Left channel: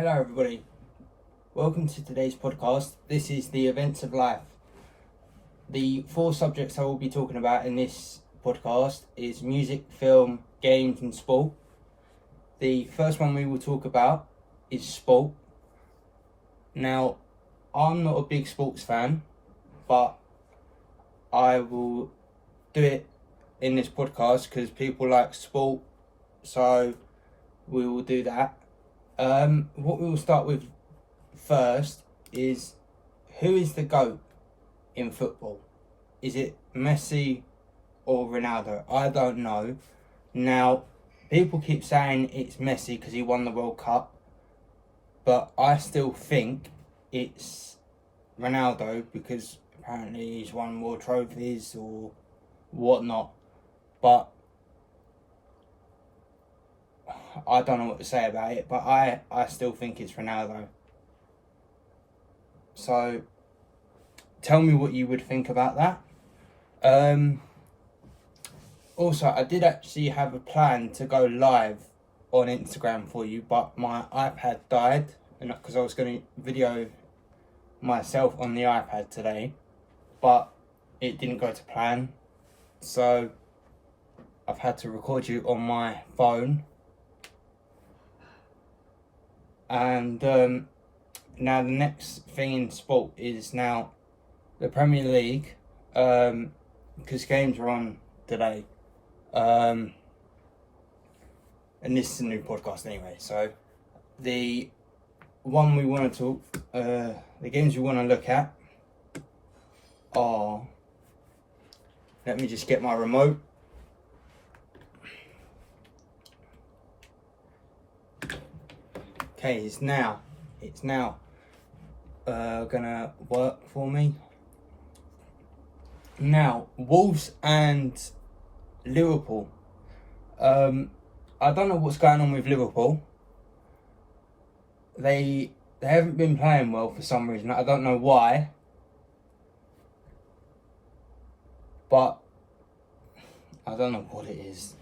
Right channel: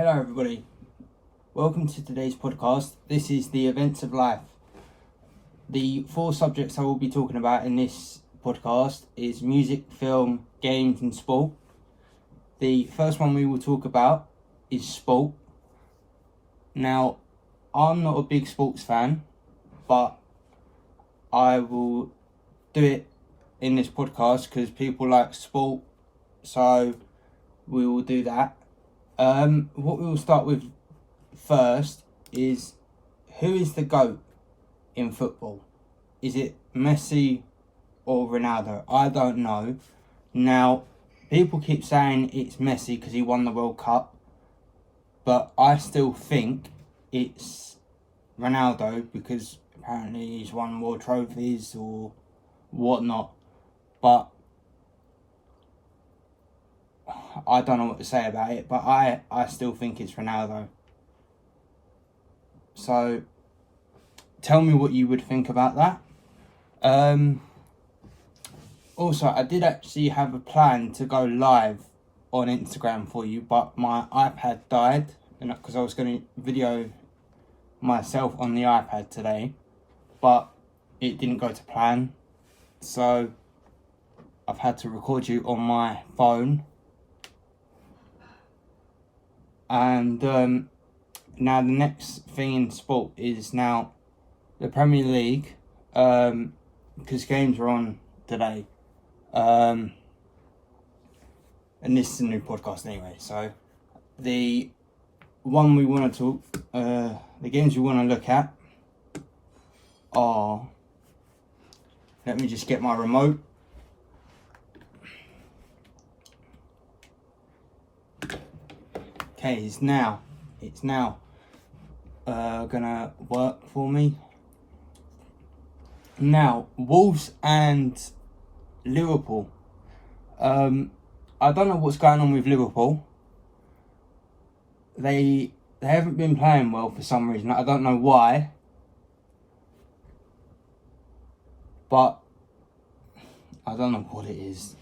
Hello everybody, welcome to today's podcast. This is the events of life. The 4 subjects I will be talking about in this podcast is music, film, games and sport. The first one we will talk about is sport. Now, I'm not a big sports fan, but I will do it in this podcast because people like sport, so we will do that. What we will start with first is, who is the GOAT in football? Is it Messi or Ronaldo? I don't know. Now, people keep saying it's Messi because he won the World Cup, but I still think it's Ronaldo because apparently he's won more trophies or whatnot. But I don't know what to say about it, but I still think it's Ronaldo. So, tell me what you would think about that. Also, I did actually have a plan to go live on Instagram for you, but my iPad died, and because I was going to video myself on the iPad today, but it didn't go to plan. So, I've had to record you on my phone. And now the next thing in sport is now the Premier League, because games are on today. And this is a new podcast anyway, so the one we want to talk, the games we want to look at are, let me just get my remote. Okay, it's now gonna work for me. Now, Wolves and Liverpool. I don't know what's going on with Liverpool. They haven't been playing well for some reason. I don't know why. But I don't know what it is.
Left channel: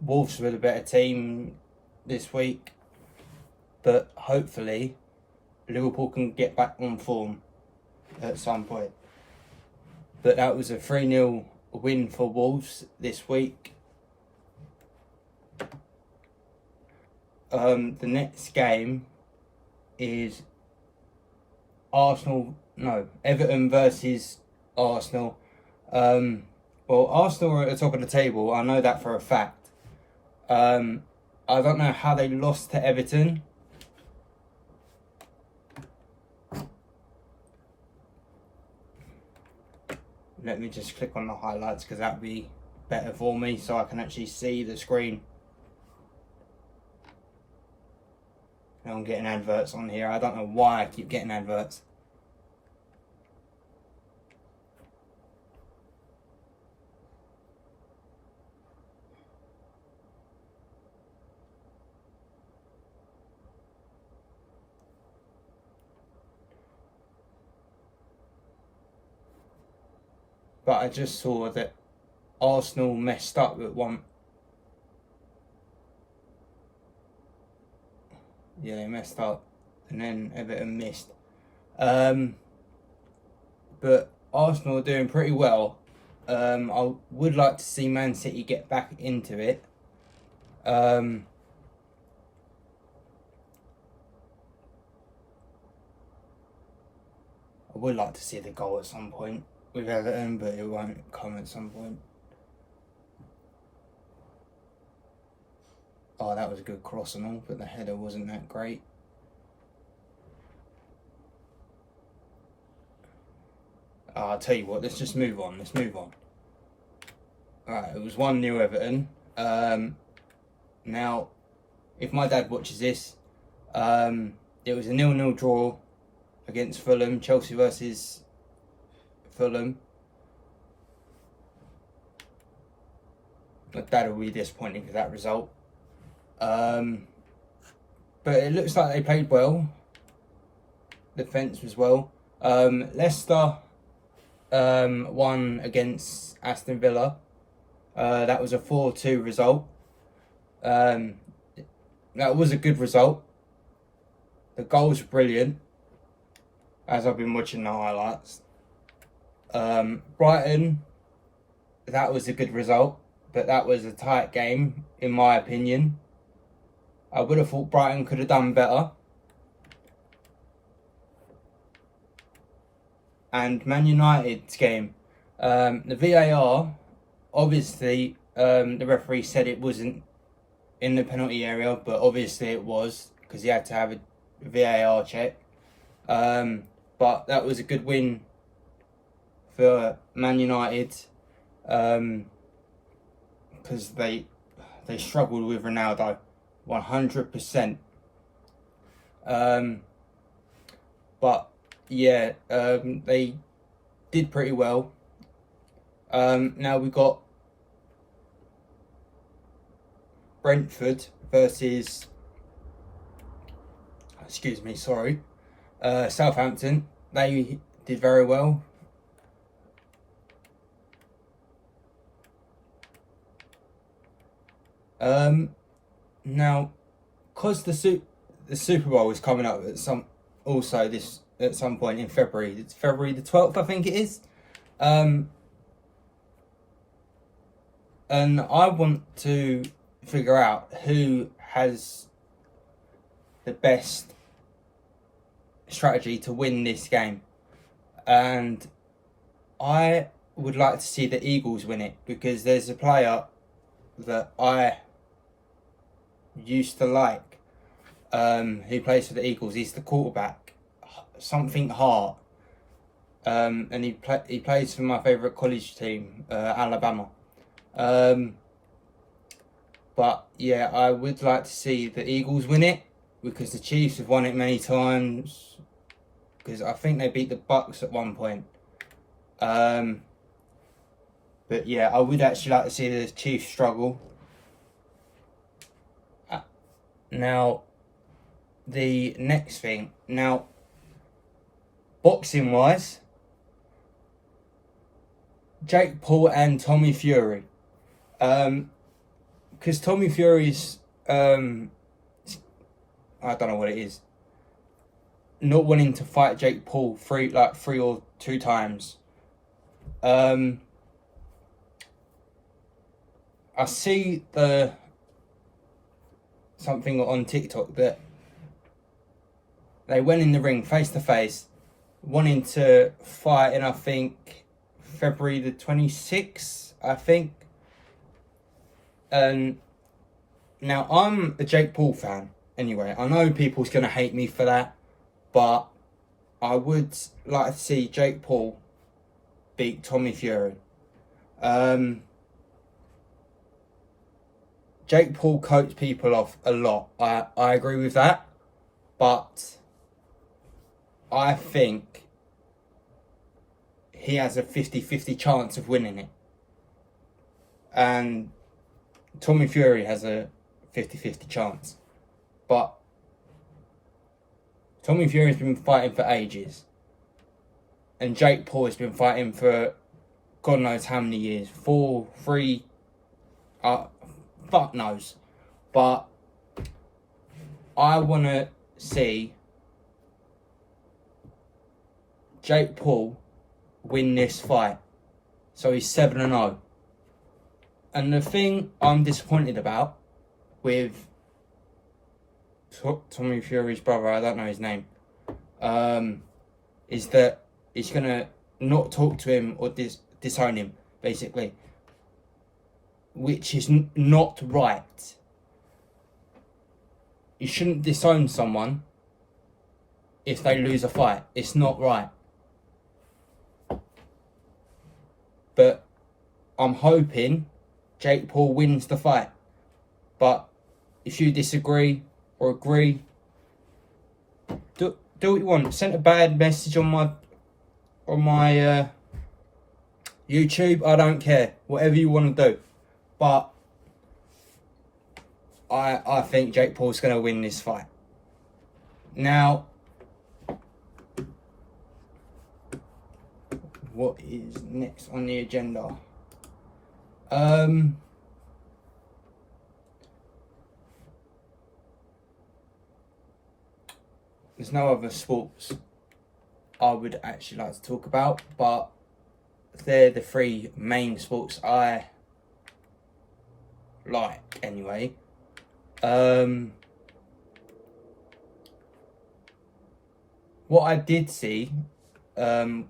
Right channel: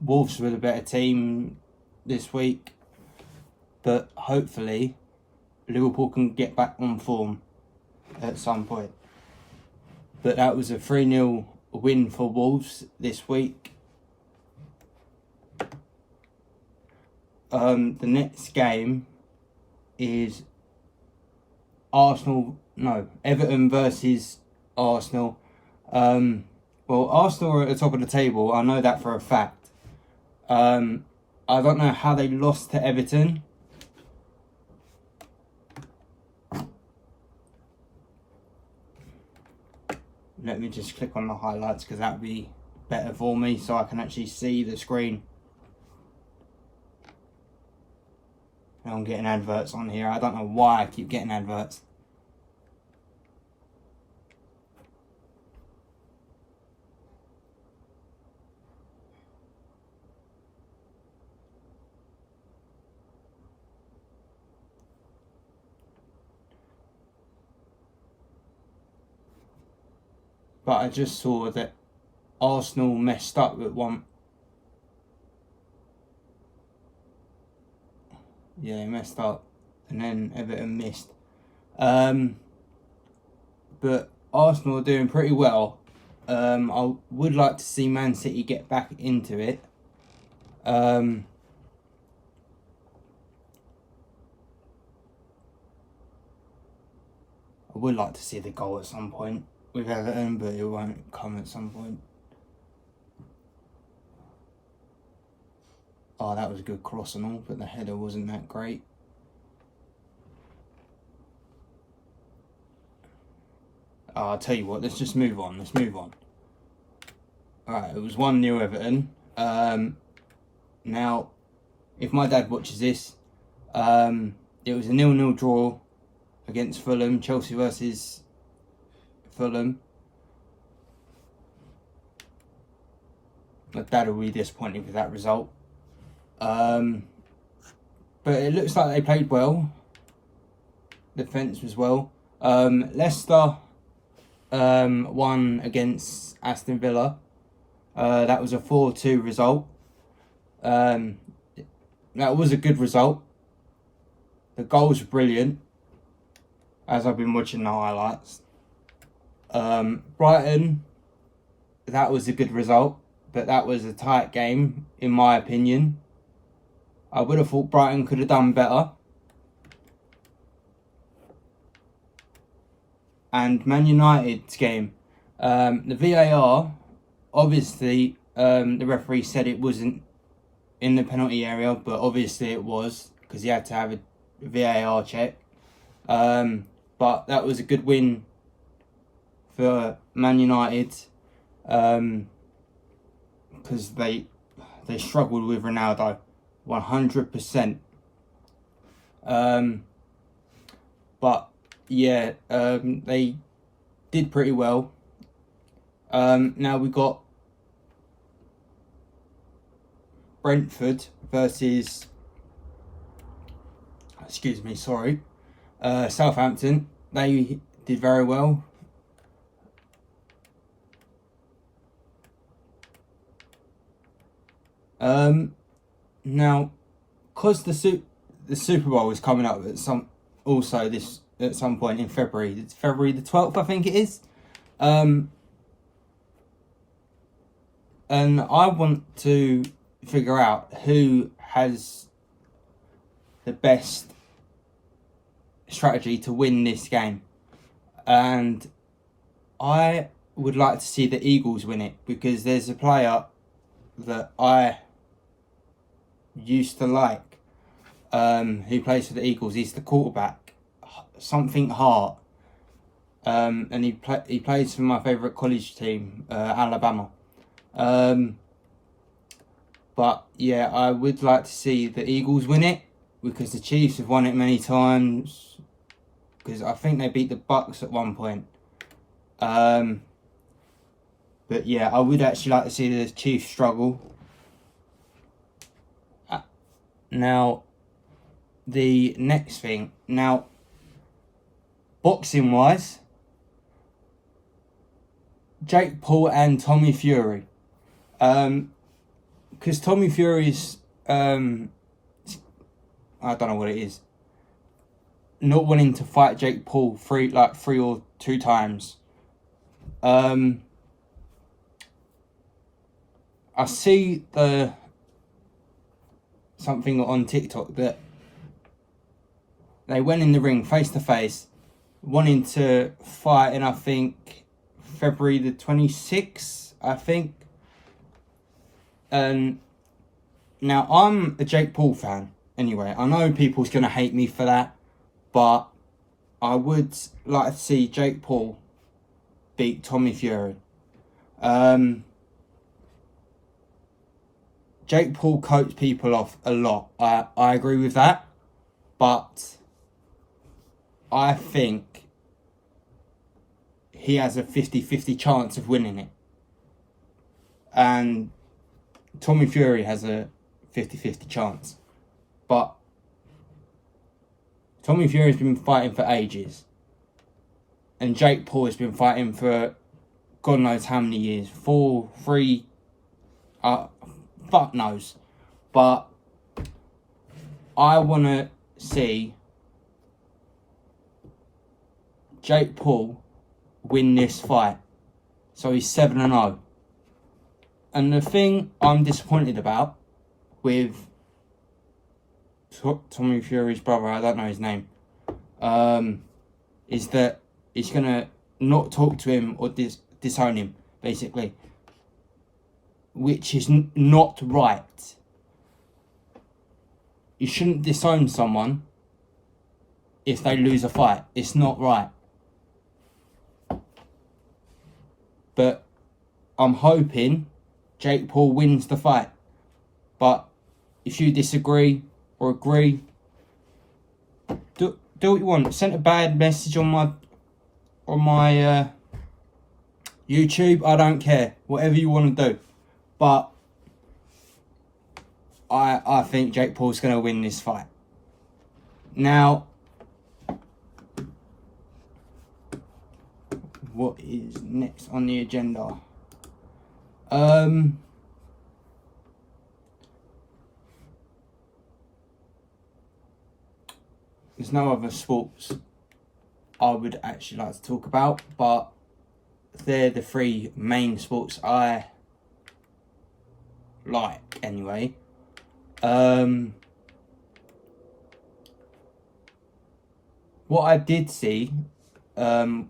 Wolves were the better team this week. But hopefully, Liverpool can get back on form at some point. But that was a 3-0 win for Wolves this week. The next game is Everton versus Arsenal. Well, Arsenal are at the top of the table. I know that for a fact. I don't know how they lost to Everton. Let me just click on the highlights because that would be better for me so I can actually see the screen. I'm getting adverts on here. I don't know why I keep getting adverts. But I just saw that Arsenal messed up at one. Yeah, they messed up. And then Everton missed. But Arsenal are doing pretty well. I would like to see Man City get back into it. I would like to see the goal at some point with Everton, but it won't come at some point. Oh, that was a good cross and all, but the header wasn't that great. I'll tell you what, let's just move on. Alright, it was 1-0 Everton. Now, if my dad watches this, it was a 0-0 draw against Fulham, Chelsea versus Fulham. My dad will be disappointed with that result. But it looks like they played well. Defence was well. Leicester won against Aston Villa. That was a 4-2 result. That was a good result. The goals were brilliant, as I've been watching the highlights. Brighton, that was a good result, but that was a tight game, in my opinion. I would have thought Brighton could have done better. And Man United's game, the VAR, obviously, the referee said it wasn't in the penalty area, but obviously it was, because he had to have a VAR check. But that was a good win for Man United, because they struggled with Ronaldo 100%. But yeah, they did pretty well. Now we got Brentford versus, Southampton. They did very well. Now, because the Super Bowl is coming up at some point in February. It's February the 12th, I think it is. And I want to figure out who has the best strategy to win this game. And I would like to see the Eagles win it, because there's a player that I used to like, who plays for the Eagles. He's the quarterback, something Hart, and he plays for my favourite college team, Alabama. But yeah, I would like to see the Eagles win it, because the Chiefs have won it many times, because I think they beat the Bucks at one point. But yeah, I would actually like to see the Chiefs struggle. Now, the next thing. Now, boxing wise, Jake Paul and Tommy Fury. Because Tommy Fury's, I don't know what it is, not wanting to fight Jake Paul three or two times. I see something on TikTok that they went in the ring face to face, wanting to fight in, I think, February the 26th, I think. And now I'm a Jake Paul fan. Anyway, I know people's gonna hate me for that, but I would like to see Jake Paul beat Tommy Fury. Jake Paul coats people off a lot. I agree with that, but I think he has a 50-50 chance of winning it. And Tommy Fury has a 50-50 chance. But Tommy Fury's been fighting for ages. And Jake Paul has been fighting for God knows how many years. 4, 3, fuck knows. But I want to see Jake Paul win this fight. So he's 7-0. And the thing I'm disappointed about with Tommy Fury's brother, I don't know his name, is that he's going to not talk to him or disown him, basically. Which is not right. You shouldn't disown someone if they lose a fight. It's not right. But I'm hoping Jake Paul wins the fight. But if you disagree or agree, do what you want. Send a bad message on my YouTube. I don't care. Whatever you want to do. But I think Jake Paul's going to win this fight. Now, what is next on the agenda? there's no other sports I would actually like to talk about, but they're the three main sports I like anyway. What I did see on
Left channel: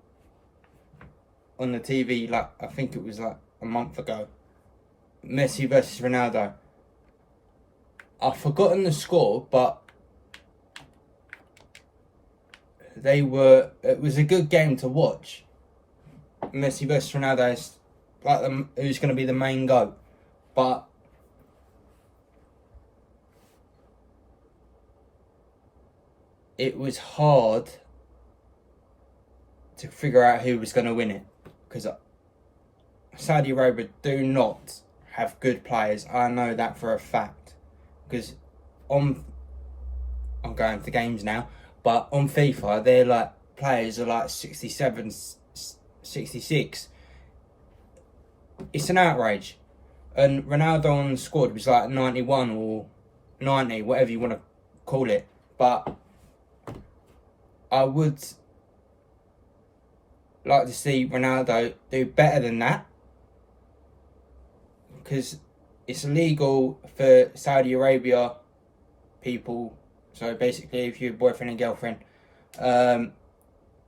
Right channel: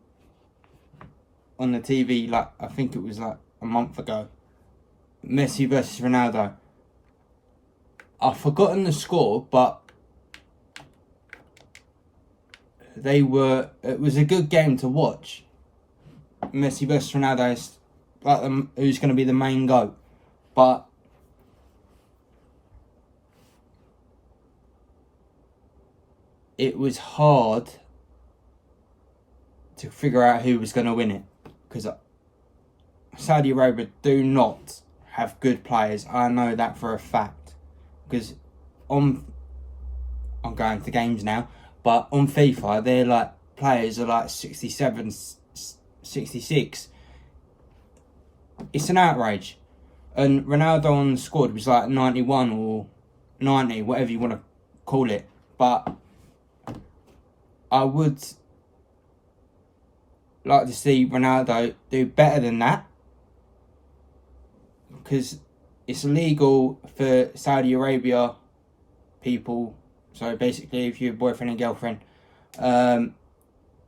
the TV, like I think it was like a month ago, Messi versus Ronaldo. I've forgotten the score, but it was a good game to watch. Messi versus Ronaldo is like who's going to be the main GOAT, but it was hard to figure out who was going to win it, because Saudi Arabia do not have good players. I know that for a fact, because I'm going to games now, but on FIFA they're like players are like 67, 66. It's an outrage. And Ronaldo on the squad was like 91 or 90, whatever you want to call it. But I would like to see Ronaldo do better than that, because it's illegal for Saudi Arabia people. So basically, if you're a boyfriend and girlfriend,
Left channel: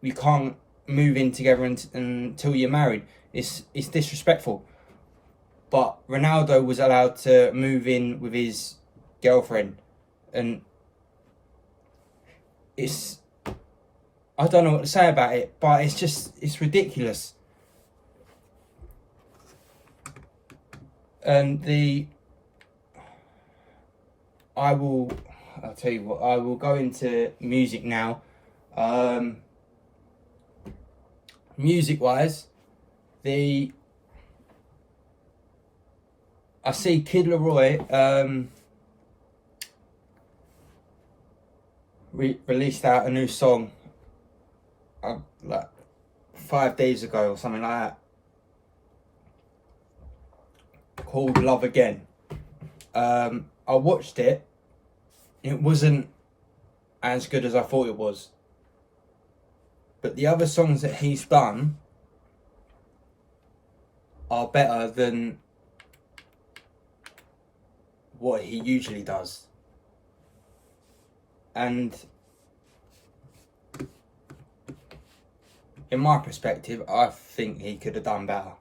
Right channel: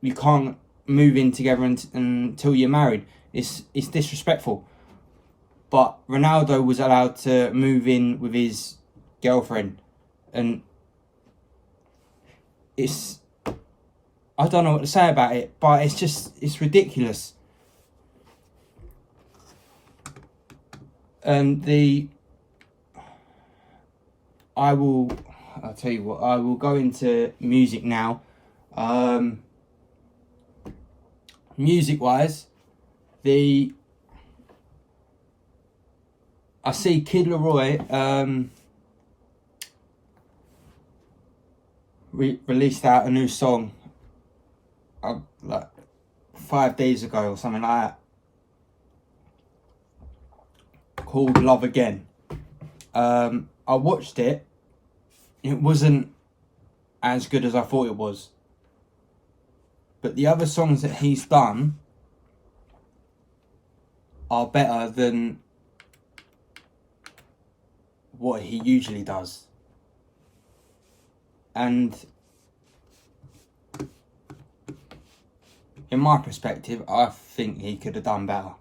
you can't move in together until you're married. It's disrespectful. But Ronaldo was allowed to move in with his girlfriend, and I don't know what to say about it, but it's ridiculous. And I'll tell you what, I will go into music now. Music wise, I see Kid Laroi released out a new song like 5 days ago or something like that, called Love Again. I watched it. It wasn't as good as I thought it was, but the other songs that he's done are better than what he usually does. And in my perspective, I think he could have done better.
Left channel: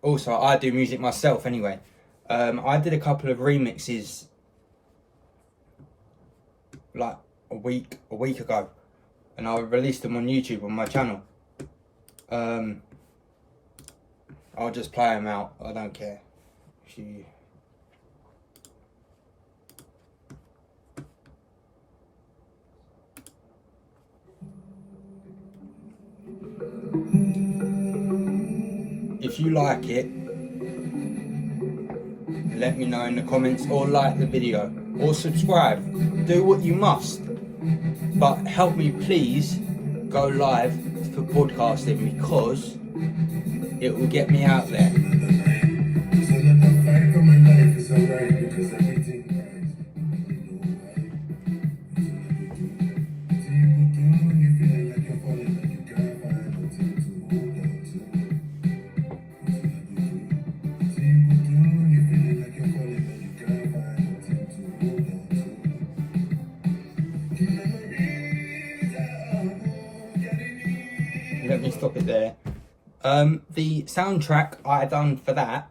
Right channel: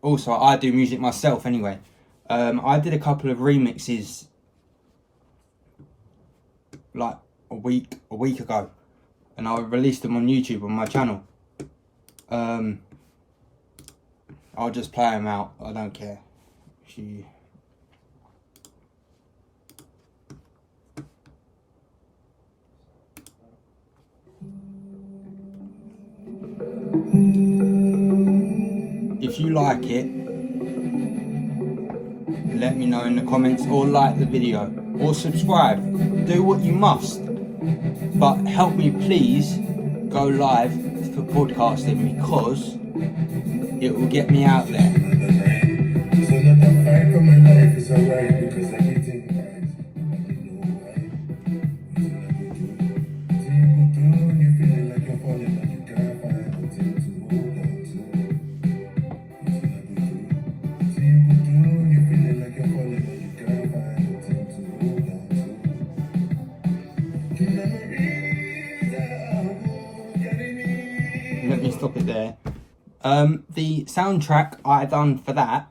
Also, I do music myself anyway. I did a couple of remixes like a week ago, and I released them on YouTube on my channel. I'll just play them out. I don't care. If you like it, let me know in the comments, or like the video, or subscribe. Do what you must, but help me please go live for podcasting, because it will get me out there. Let me stop it there. The soundtrack I done for that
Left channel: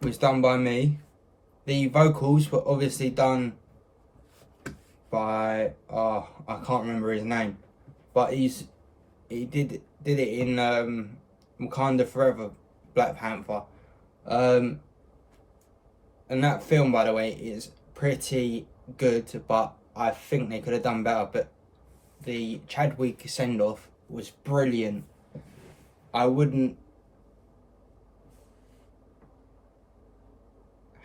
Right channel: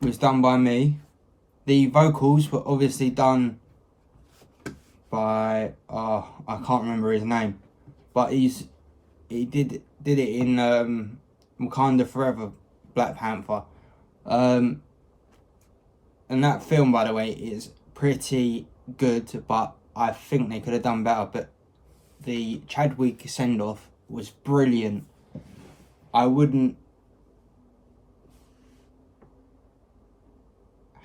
was done by me. The vocals were obviously done by I can't remember his name, but he did it in Wakanda Forever, Black Panther. And that film, by the way, is pretty good, but I think they could have done better. But the Chadwick send-off was brilliant. I wouldn't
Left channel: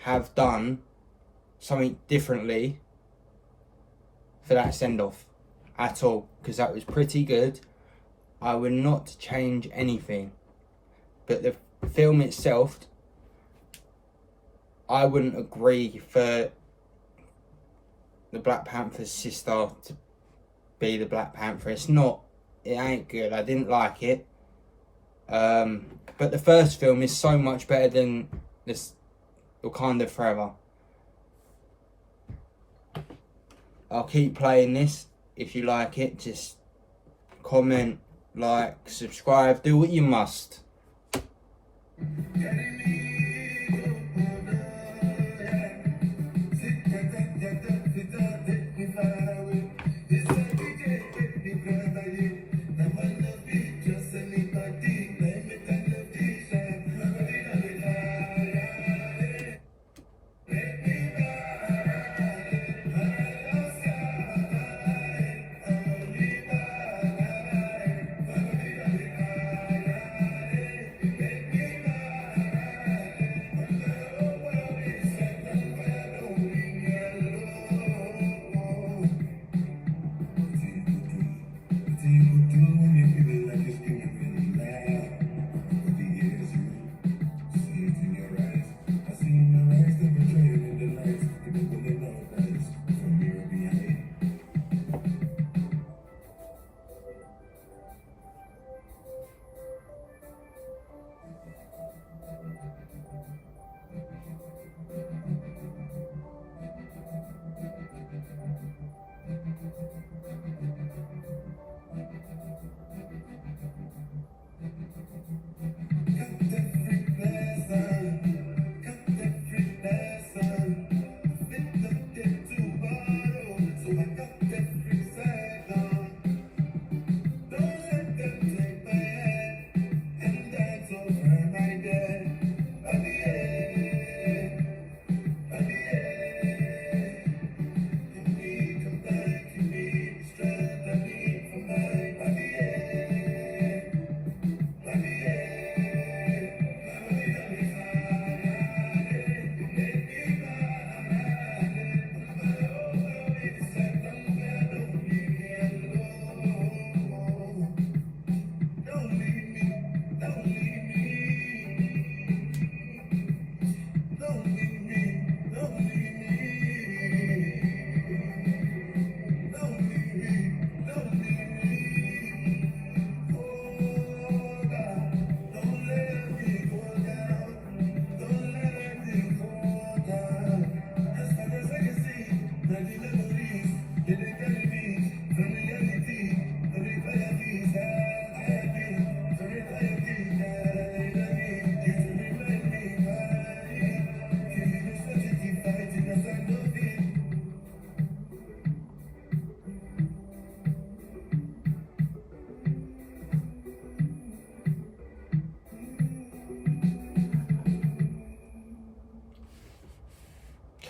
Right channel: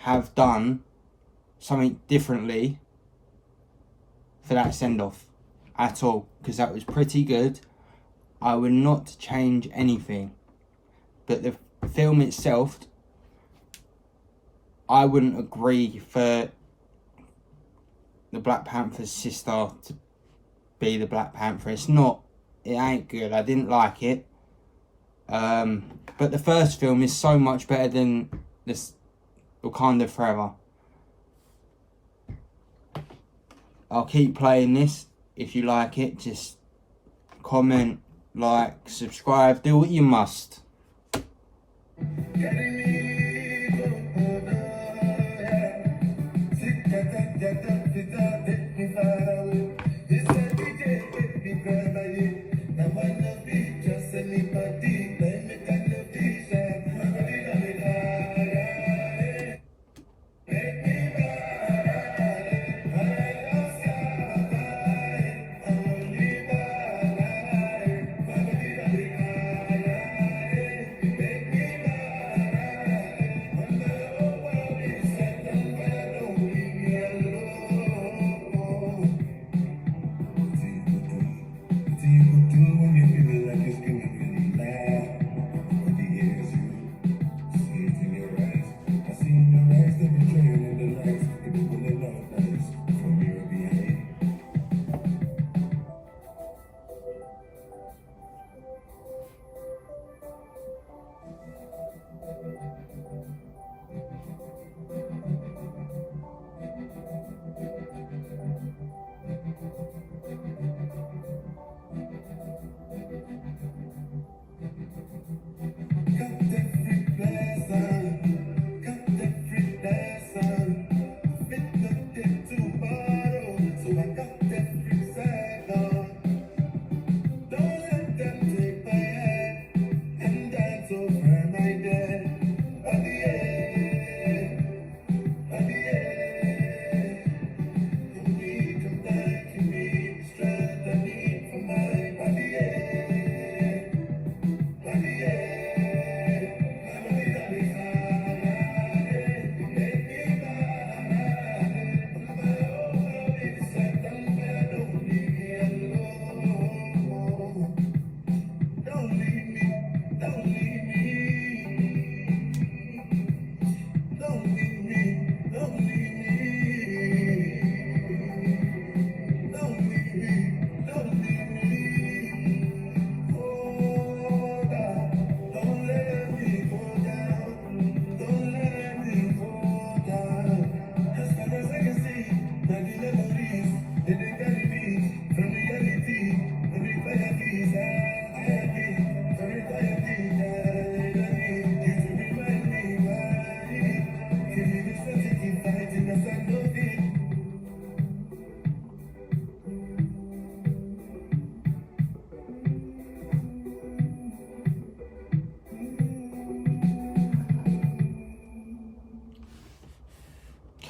have done something differently for that send-off at all, because that was pretty good. I would not change anything. But the film itself, I wouldn't agree for the Black Panther's sister to be the Black Panther. It ain't good. I didn't like it. But the first film is so much better than this Wakanda Forever. I'll keep playing this. If you like it, just comment, like, subscribe, do what you must.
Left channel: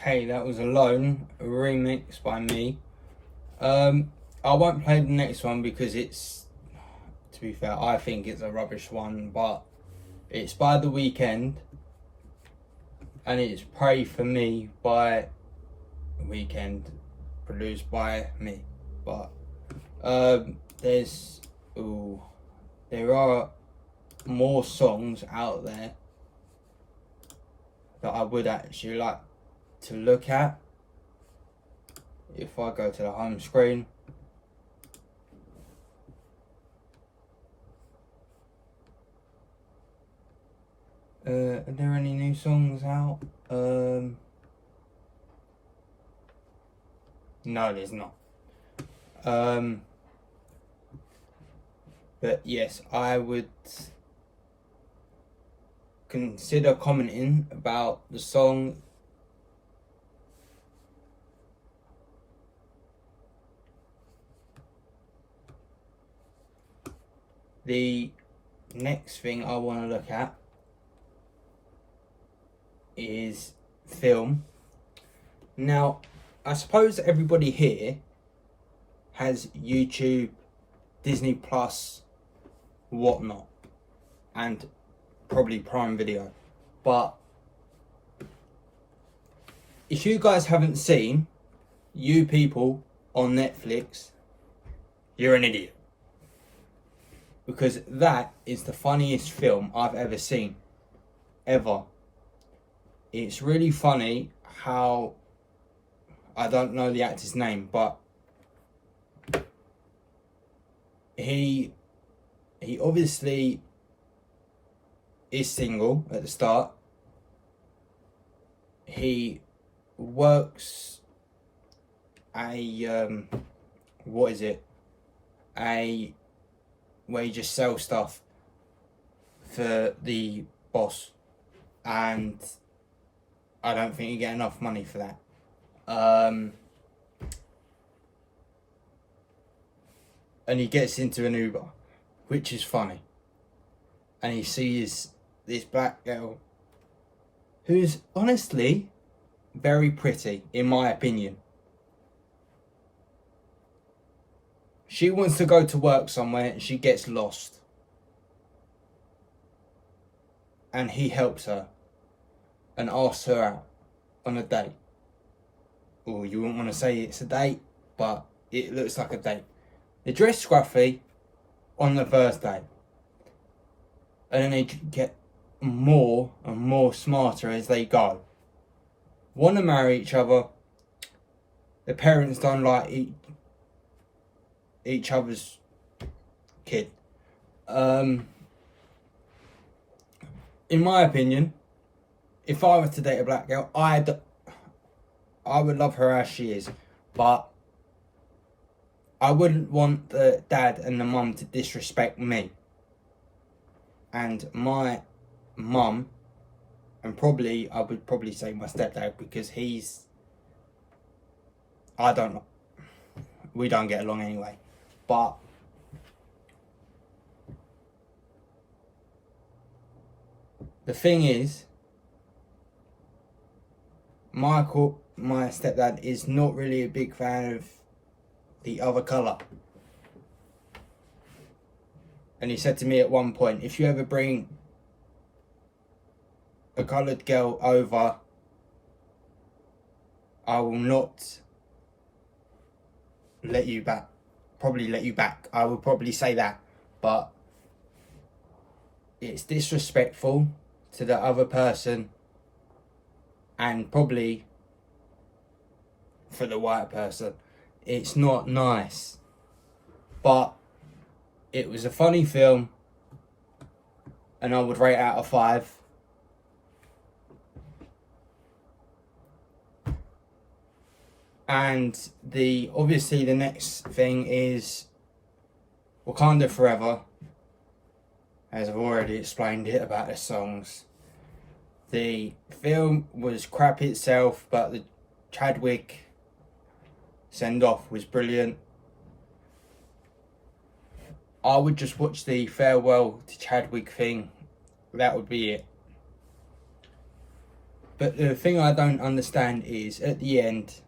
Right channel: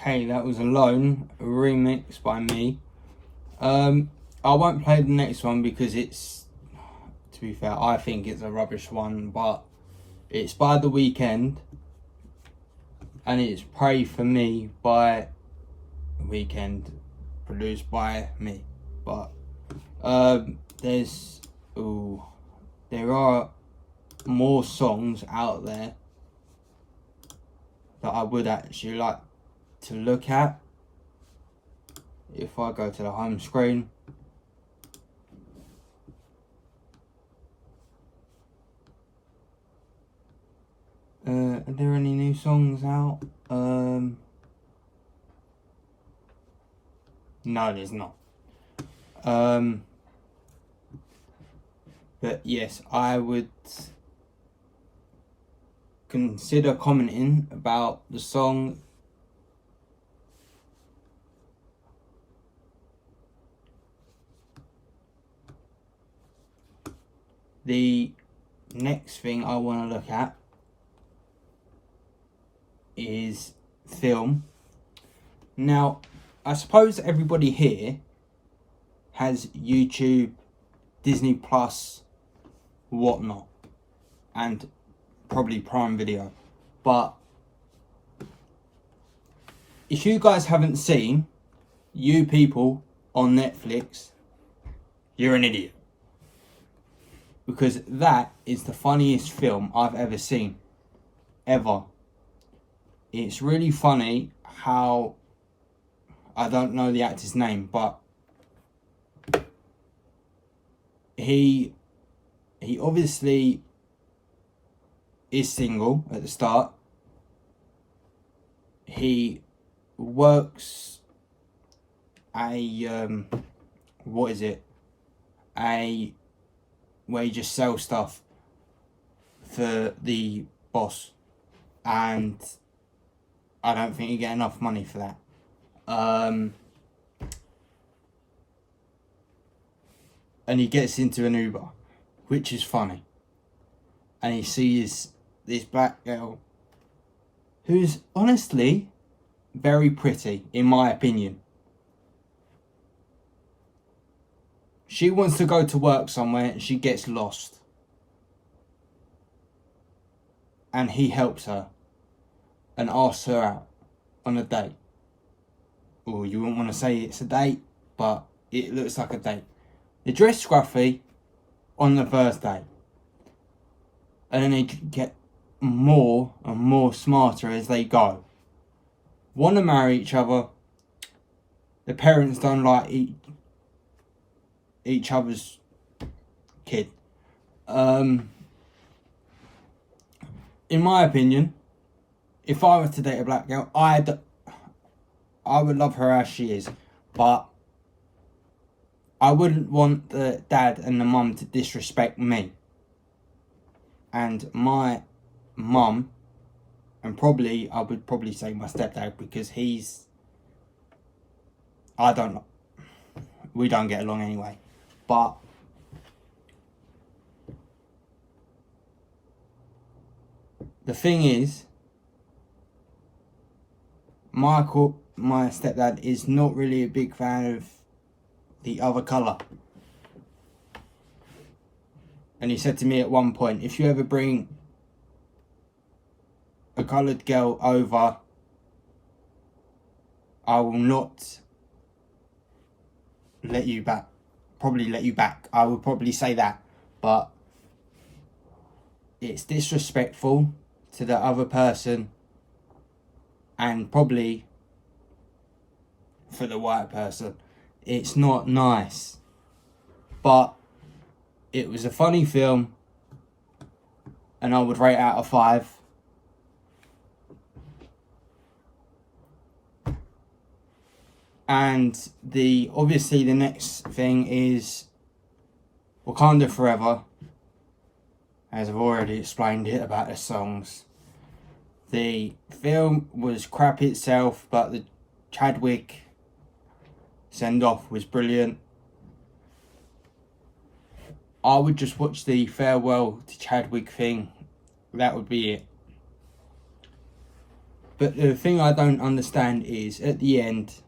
Okay, that was Alone, a remix by me. I won't play the next one because it's, to be fair, I think it's a rubbish one, but it's by The Weeknd and it's Pray For Me by The Weeknd, produced by me. But there are more songs out there that I would actually like to look at. If I go to the home screen, are there any new songs out? No, there's not. But yes, I would consider commenting about the song. The next thing I want to look at is film. Now, I suppose everybody here has YouTube, Disney Plus, whatnot, and probably Prime Video. But if you guys haven't seen You People on Netflix, you're an idiot. Because that is the funniest film I've ever seen. Ever. It's really funny how I don't know the actor's name, but he obviously is single at the start. He works a where you just sell stuff for the boss, and I don't think you get enough money for that. And he gets into an Uber, which is funny, and he sees this black girl who's honestly very pretty, in my opinion. She wants to go to work somewhere and she gets lost, and he helps her and asks her out on a date. Or you wouldn't want to say it's a date, but it looks like a date. They dress scruffy on the first date, and then they get more and more smarter as they go. Want to marry each other. The parents don't like each other's kid. In my opinion, if I was to date a black girl, I would love her as she is, but I wouldn't want the dad and the mum to disrespect me. And my mum, and I would probably say my stepdad, because we don't get along anyway. But the thing is, Michael, my stepdad, is not really a big fan of the other colour. And he said to me at one point, if you ever bring a coloured girl over, I will not let you back. Probably let you back. I would probably say that. But it's disrespectful to the other person, and probably for the white person. It's not nice. But it was a funny film, and I would rate it out of 5. And obviously the next thing is Wakanda Forever, as I've already explained it about the songs. The film was crap itself, but the Chadwick send-off was brilliant. I would just watch the farewell to Chadwick thing. That would be it. But the thing I don't understand is, at the end,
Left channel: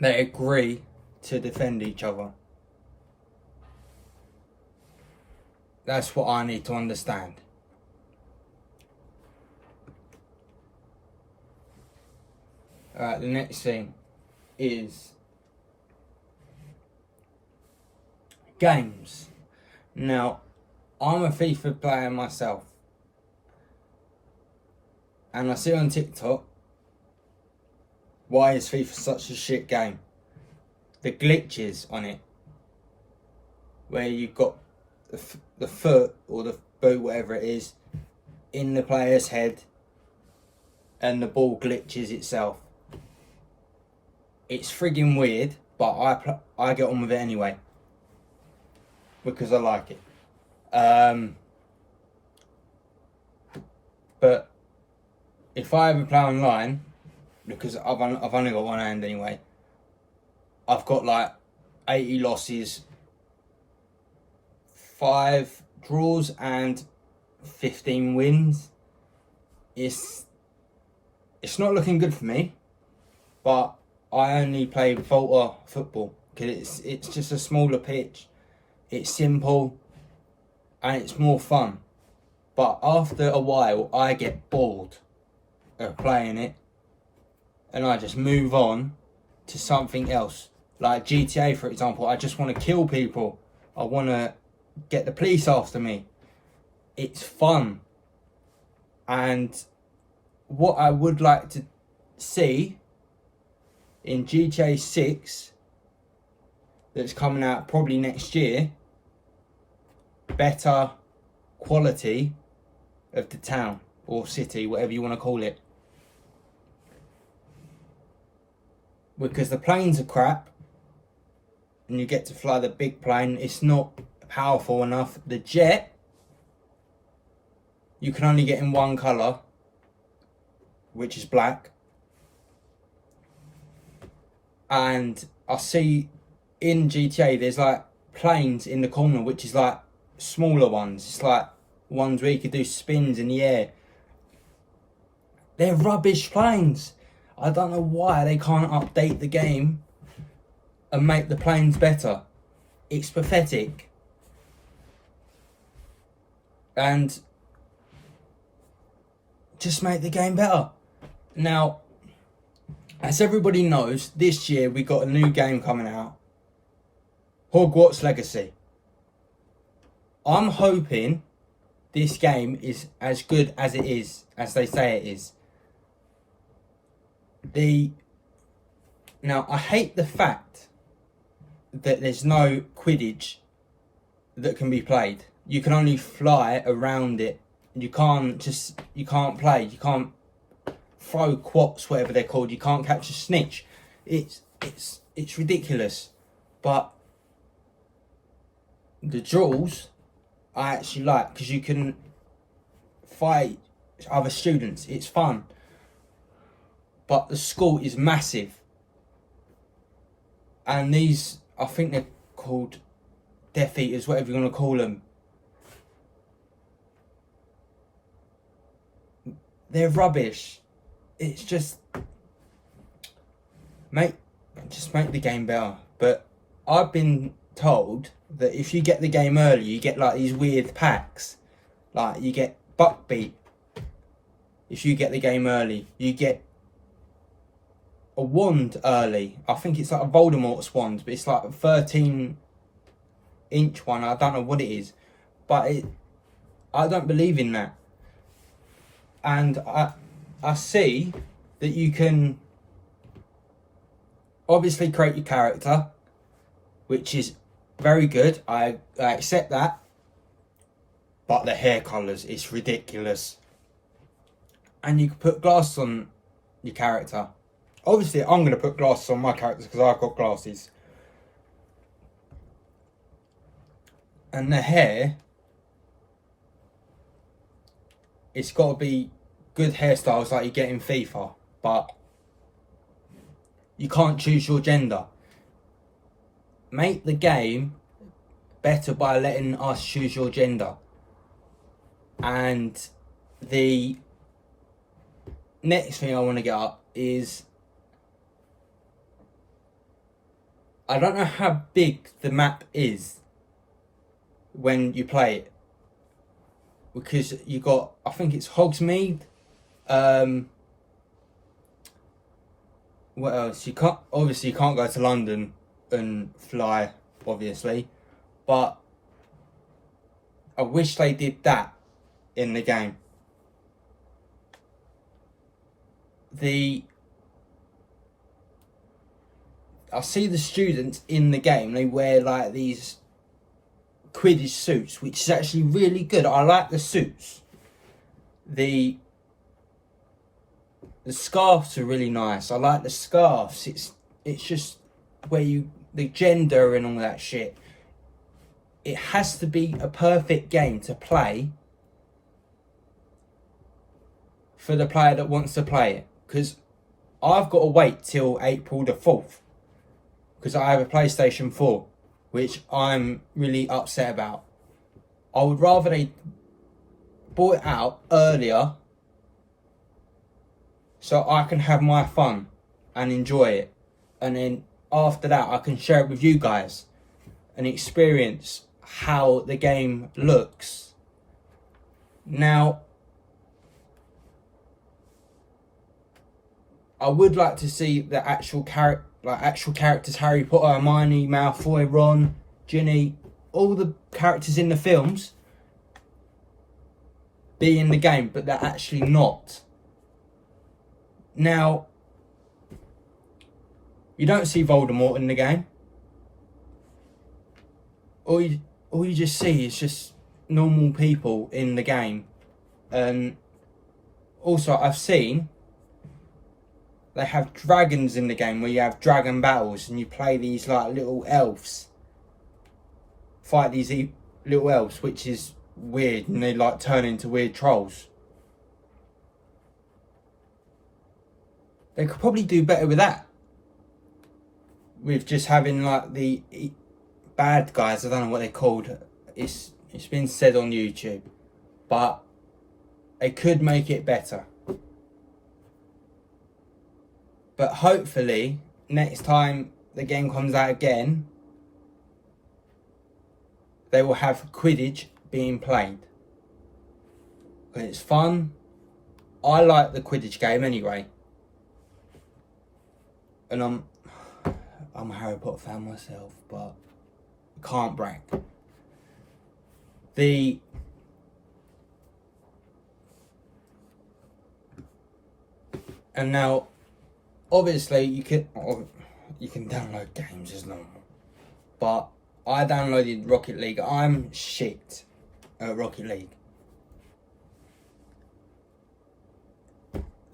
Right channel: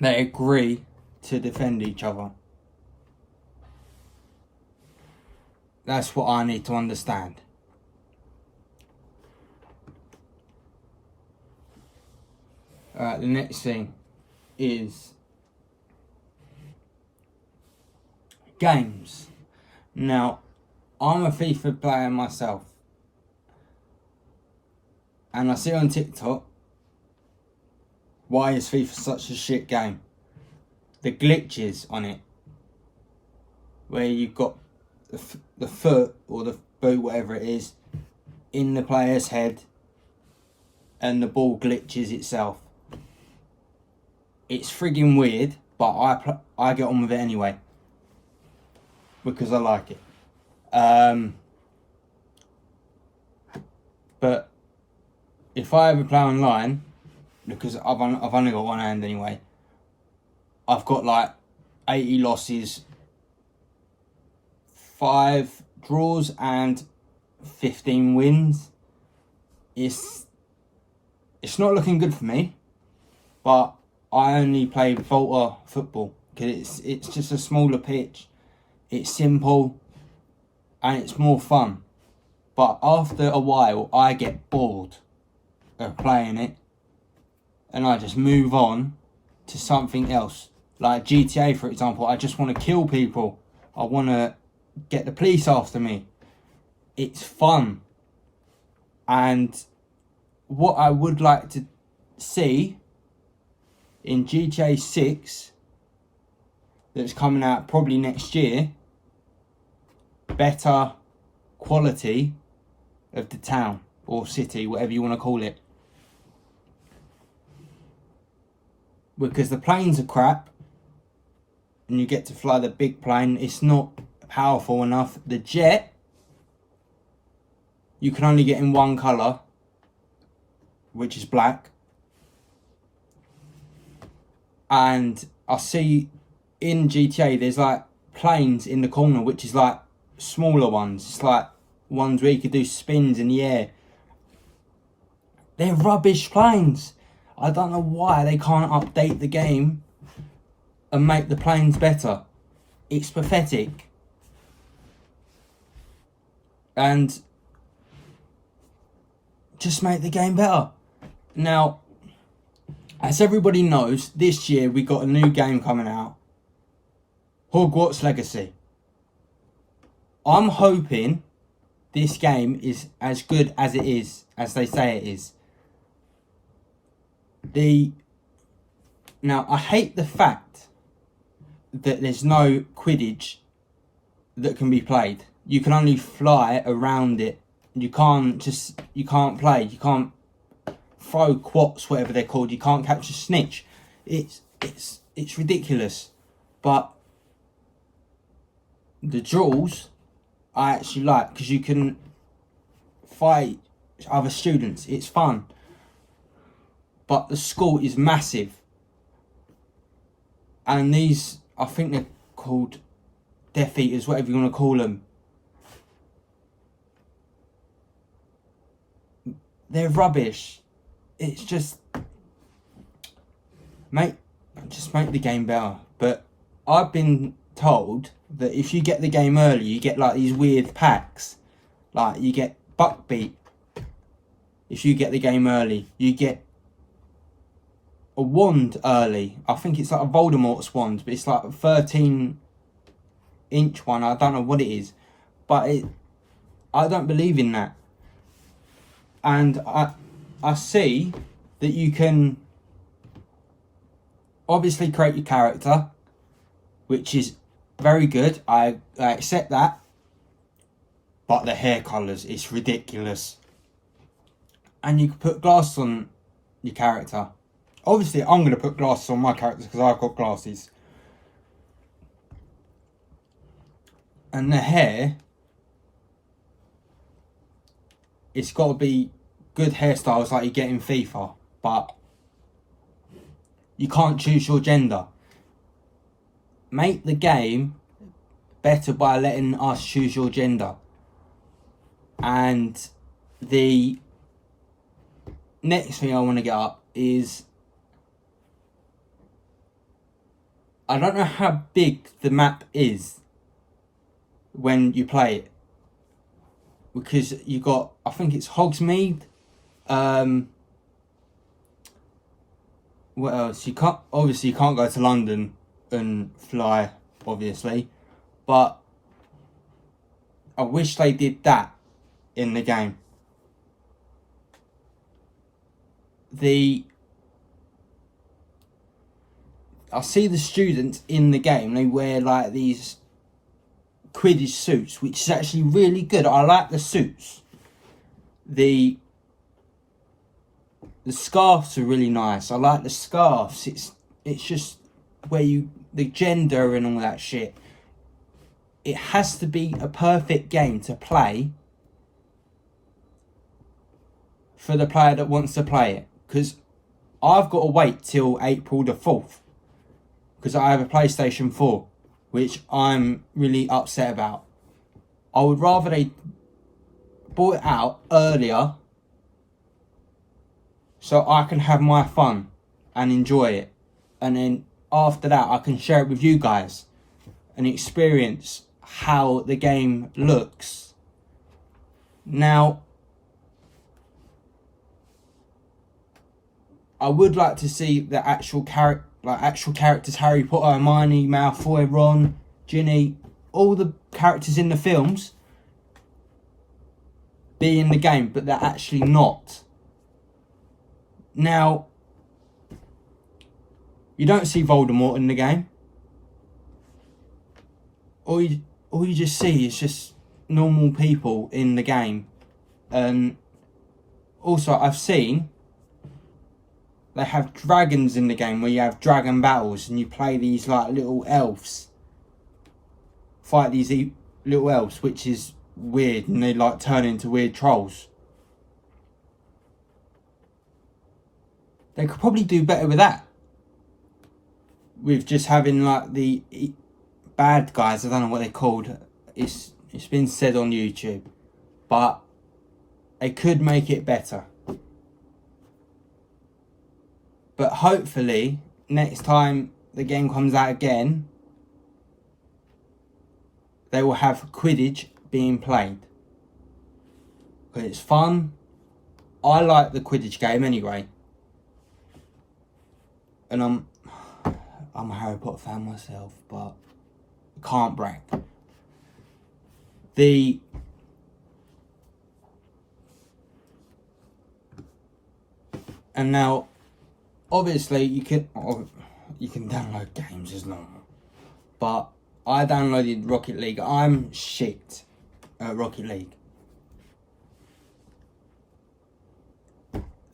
they agree to defend each other. That's what I need to understand. The next thing is games. Now, I'm a FIFA player myself, and I see on TikTok, why is FIFA such a shit game? The glitches on it, where you've got the foot or the boot, whatever it is, in the player's head, and the ball glitches itself. It's frigging weird, but I get on with it anyway, because I like it. But if I ever play online, because I've only got one hand anyway, I've got like 80 losses, 5 draws and 15 wins. It's not looking good for me, but I only play Volta football because it's just a smaller pitch. It's simple and it's more fun. But after a while, I get bored of playing it, and I just move on to something else. Like GTA, for example, I just want to kill people. I want to get the police after me. It's fun. And what I would like to see in GTA 6, that's coming out probably next year, better quality of the town or city, whatever you want to call it. Because the planes are crap, and you get to fly the big plane, it's not powerful enough. The jet, you can only get in one colour, which is black. And I see in GTA there's like planes in the corner, which is like smaller ones. It's like ones where you could do spins in the air. They're rubbish planes. I don't know why they can't update the game and make the planes better. It's pathetic. And just make the game better. Now, as everybody knows, this year we got a new game coming out, Hogwarts Legacy. I'm hoping this game is as good as it is, as they say it is. Now, I hate the fact that there's no Quidditch that can be played. You can only fly around it. You can't play. You can't throw quats, whatever they're called. You can't catch a snitch. It's ridiculous. But the duels I actually like, because you can fight other students. It's fun. But the school is massive. And these, I think they're called Death Eaters, whatever you want to call them. They're rubbish. It's just make the game better. But I've been told that if you get the game early, you get like these weird packs. Like you get Buckbeat. If you get the game early, you get a wand early. I think it's like a Voldemort's wand, but it's like a 13-inch one. I don't know what it is, but I don't believe in that. And I see that you can obviously create your character, which is very good. I accept that. But the hair colours, it's ridiculous. And you can put glasses on your character. Obviously, I'm going to put glasses on my character because I've got glasses. And the hair, it's got to be good hairstyles like you get in FIFA. But you can't choose your gender. Make the game better by letting us choose your gender. And the next thing I want to get up is, I don't know how big the map is when you play it, because you got, I think it's Hogsmeade. What else? You can't go to London and fly, obviously, but I wish they did that in the game. I see the students in the game, they wear like these Quidditch suits, which is actually really good. I like the suits. The scarves are really nice. I like the scarves. It's just where the gender and all that shit. It has to be a perfect game to play for the player that wants to play it. Because I've got to wait till April the 4th. Because I have a PlayStation 4, which I'm really upset about. I would rather they brought it out earlier so I can have my fun and enjoy it. And then after that, I can share it with you guys and experience how the game looks. Now, I would like to see the actual characters: Harry Potter, Hermione, Malfoy, Ron, Ginny, all the characters in the films be in the game, but they're actually not. Now, You don't see Voldemort in the game. All you just see is just normal people in the game. And also, I've seen they have dragons in the game where you have dragon battles and you play these like little elves. Fight these little elves, which is weird, and they like turn into weird trolls. They could probably do better with that. With just having like the bad guys, I don't know what they're called. It's been said on YouTube, but they could make it better. But hopefully, next time the game comes out again, they will have Quidditch being played. Because it's fun. I like the Quidditch game anyway. And I'm a Harry Potter fan myself, but I can't brag. And now, obviously, you can download games as normal, but I downloaded Rocket League. I'm shit at Rocket League.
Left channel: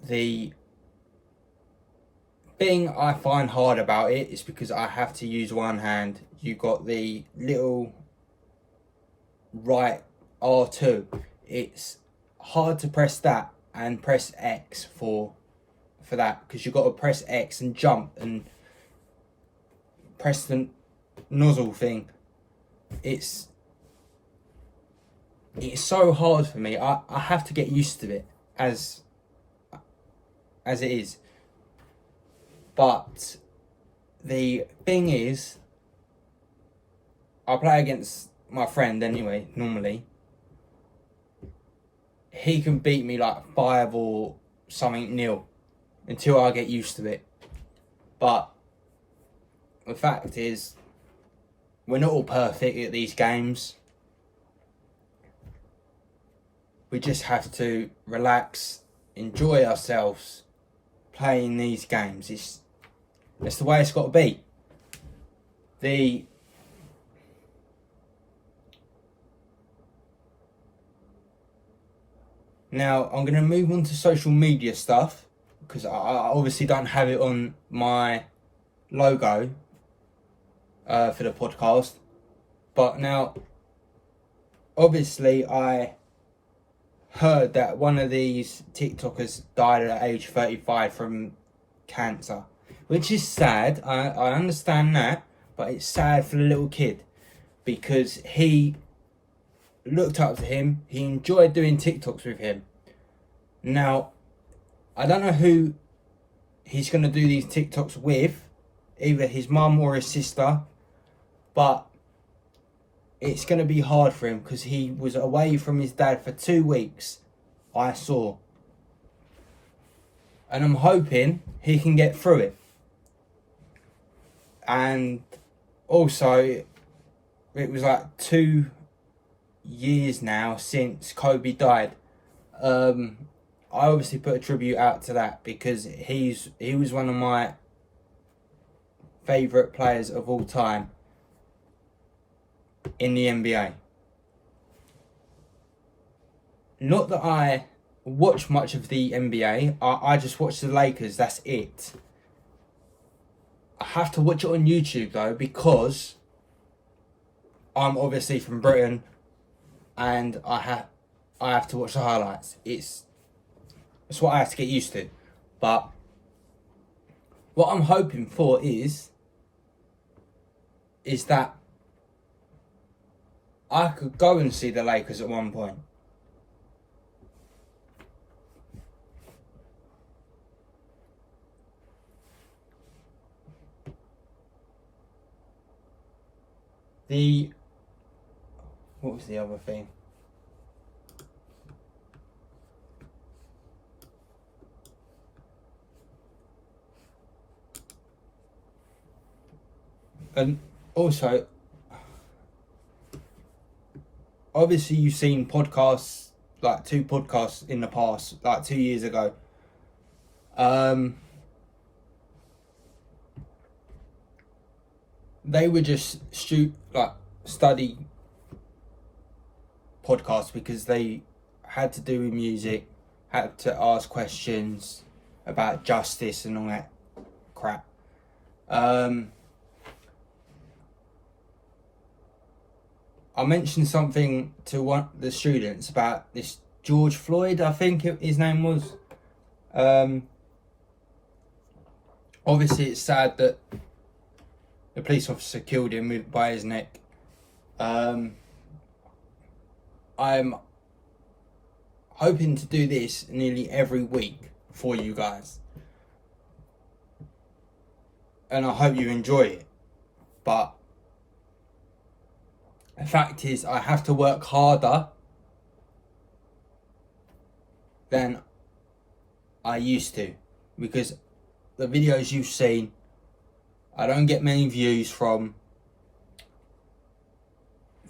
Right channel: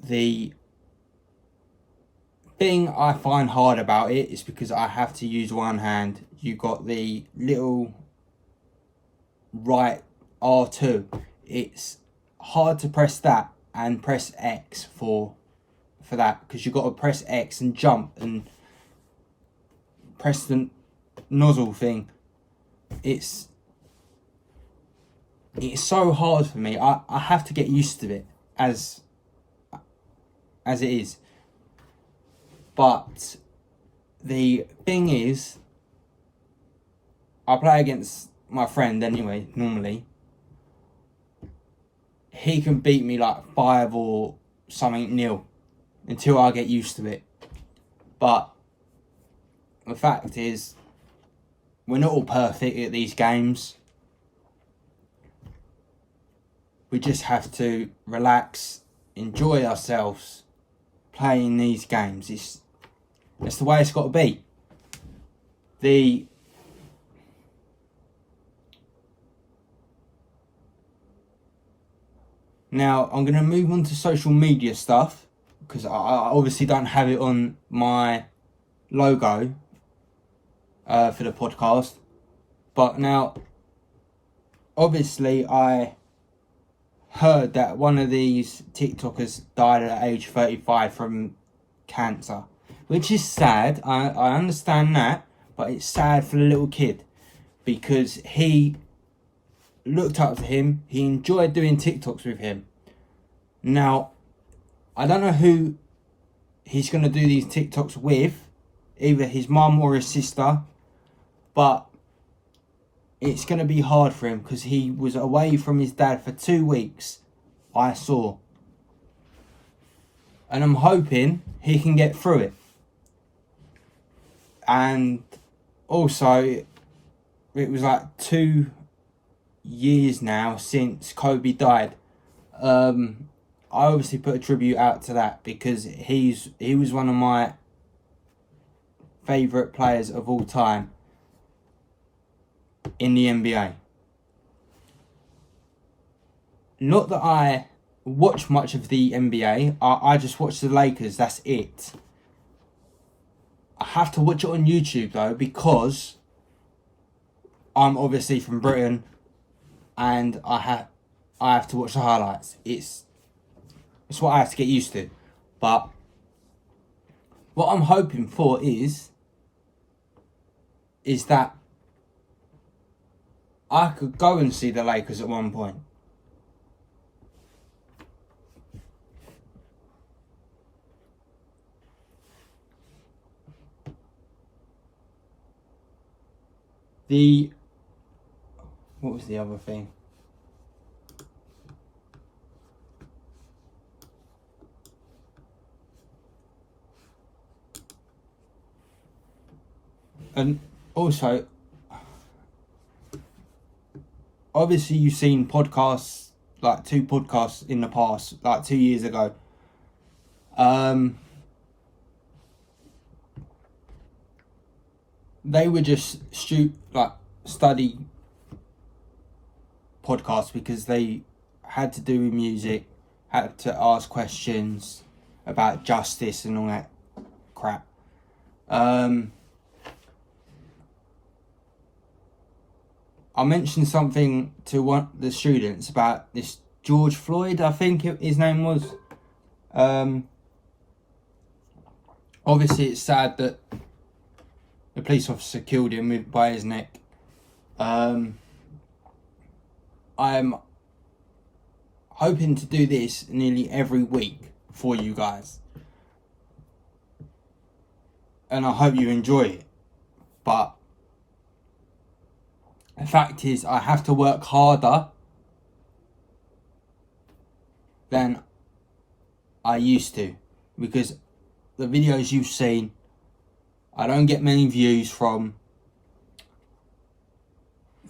The thing I find hard about it is because I have to use one hand. You got the little right R2. It's hard to press that and press X for that, because you've got to press X and jump and press the nozzle thing. It's so hard for me. I have to get used to it as it is. But the thing is, I play against my friend anyway, normally. He can beat me like 5 or something nil until I get used to it. But the fact is, we're not all perfect at these games. We just have to relax, enjoy ourselves playing these games. It's the way it's got to be. Now, I'm going to move on to social media stuff, because I obviously don't have it on my logo for the podcast. But now, obviously, I heard that one of these TikTokers died at age 35 from cancer, which is sad. I understand that, but it's sad for the little kid, because he looked up to him. He enjoyed doing TikToks with him. Now, I don't know who he's going to do these TikToks with, either his mum or his sister, but it's going to be hard for him because he was away from his dad for 2 weeks, I saw. And I'm hoping he can get through it. And also, it was like 2 years now since Kobe died. I obviously put a tribute out to that because he was one of my favourite players of all time in the NBA. Not that I watch much of the NBA, I just watch the Lakers, that's it. I have to watch it on YouTube though, because I'm obviously from Britain and I have to watch the highlights. It's what I have to get used to. But what I'm hoping for is that I could go and see the Lakers at one point. What was the other thing? And also, obviously you've seen podcasts, like 2 podcasts in the past, like 2 years ago. they were just study podcasts because they had to do with music, had to ask questions about justice and all that crap. I mentioned something to one of the students about this George Floyd, I think his name was. Obviously, it's sad that the police officer killed him by his neck. I'm hoping to do this nearly every week for you guys. And I hope you enjoy it. But the fact is, I have to work harder than I used to. Because the videos you've seen, I don't get many views from.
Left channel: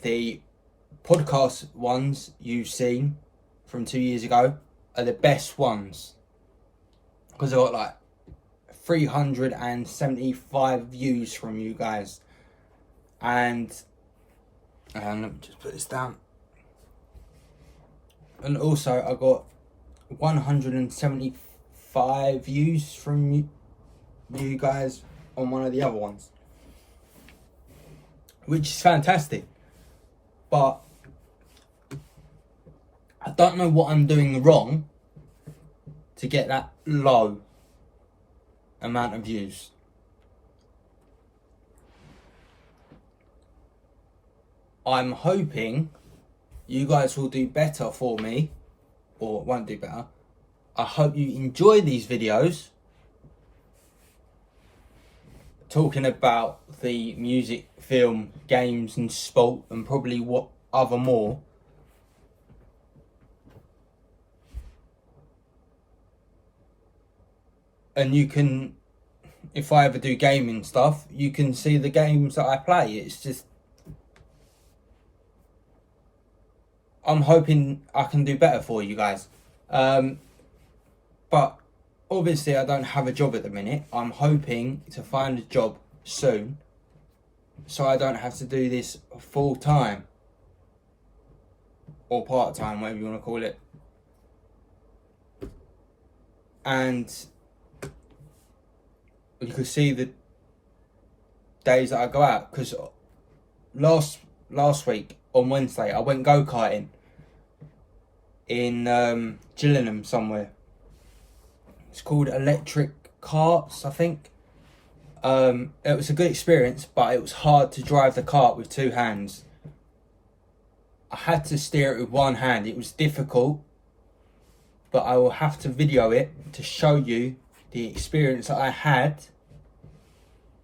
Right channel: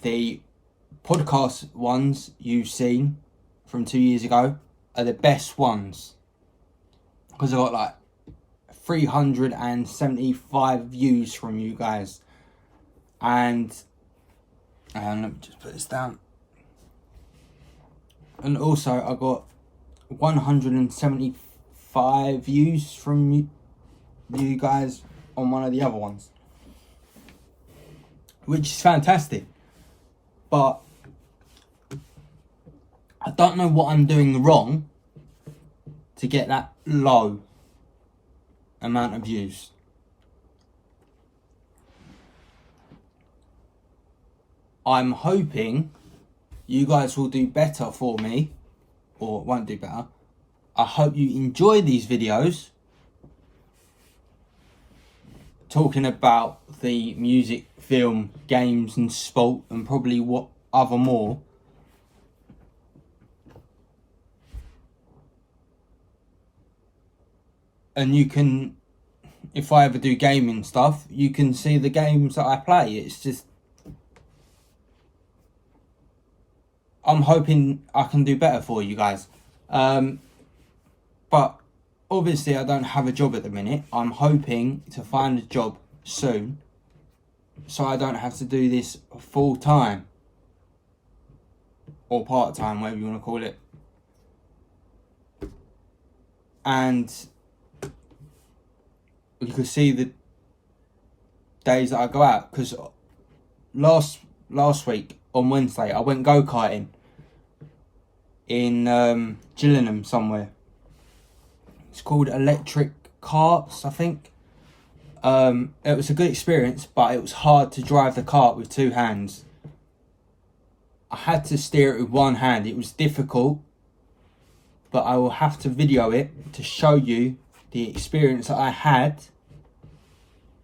The podcast ones you've seen from 2 years ago are the best ones. Because I got like 375 views from you guys. And let me just put this down. And also I got 175 views from you guys on one of the other ones, which is fantastic. But I don't know what I'm doing wrong to get that low amount of views. I'm hoping you guys will do better for me, or won't do better. I hope you enjoy these videos talking about the music, film, games and sport, and probably what other more. And you can, if I ever do gaming stuff, you can see the games that I play. It's just, I'm hoping I can do better for you guys. But obviously I don't have a job at the minute. I'm hoping to find a job soon, so I don't have to do this full time or part time, whatever you want to call it. And you can see the days that I go out, because last week on Wednesday I went go-karting in Gillingham somewhere. It's called Electric Carts, I think. It was a good experience, but it was hard to drive the cart with two hands. I had to steer it with one hand. It was difficult, but I will have to video it to show you the experience that I had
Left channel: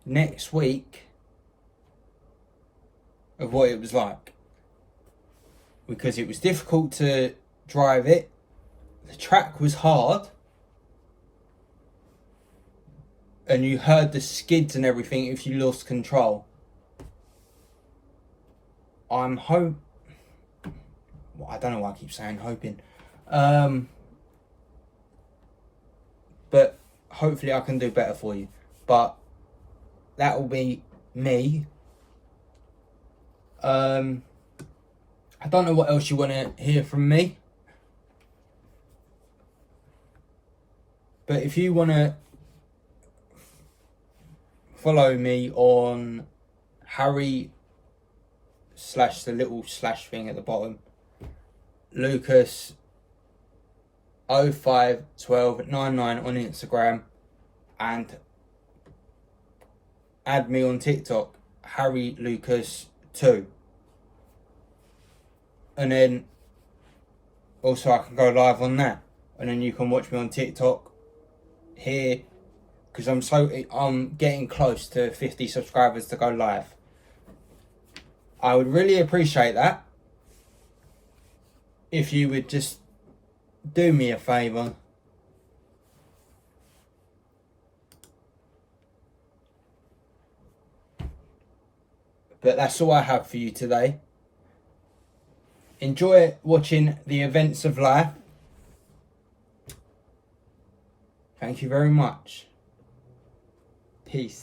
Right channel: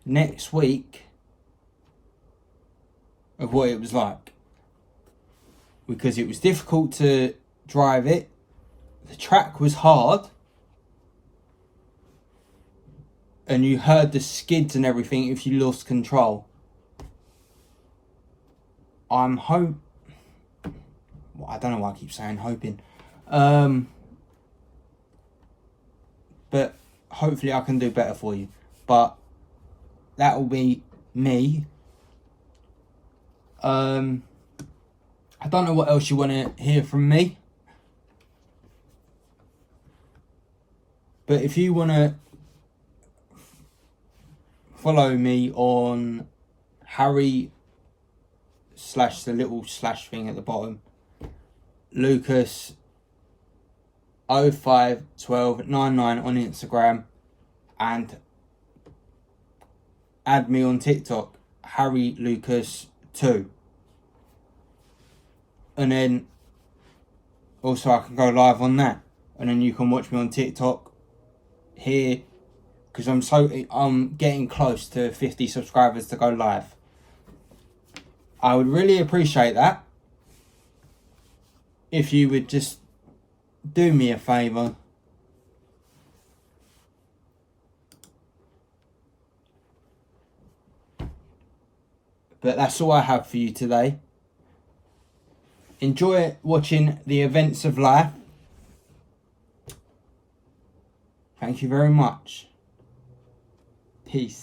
next week of what it was like. Because it was difficult to drive it. The track was hard. And you heard the skids and everything if you lost control. I don't know why I keep saying hoping. But hopefully I can do better for you. But that will be me. I don't know what else you want to hear from me. But if you want to follow me on Harry / the little slash thing at the bottom, Lucas 051299 on Instagram, and add me on TikTok, Harry Lucas 2. And then also I can go live on that, and then you can watch me on TikTok here, because I'm getting close to 50 subscribers to go live. I would really appreciate that if you would just do me a favour. But that's all I have for you today. Enjoy watching the events of life. Thank you very much. Peace.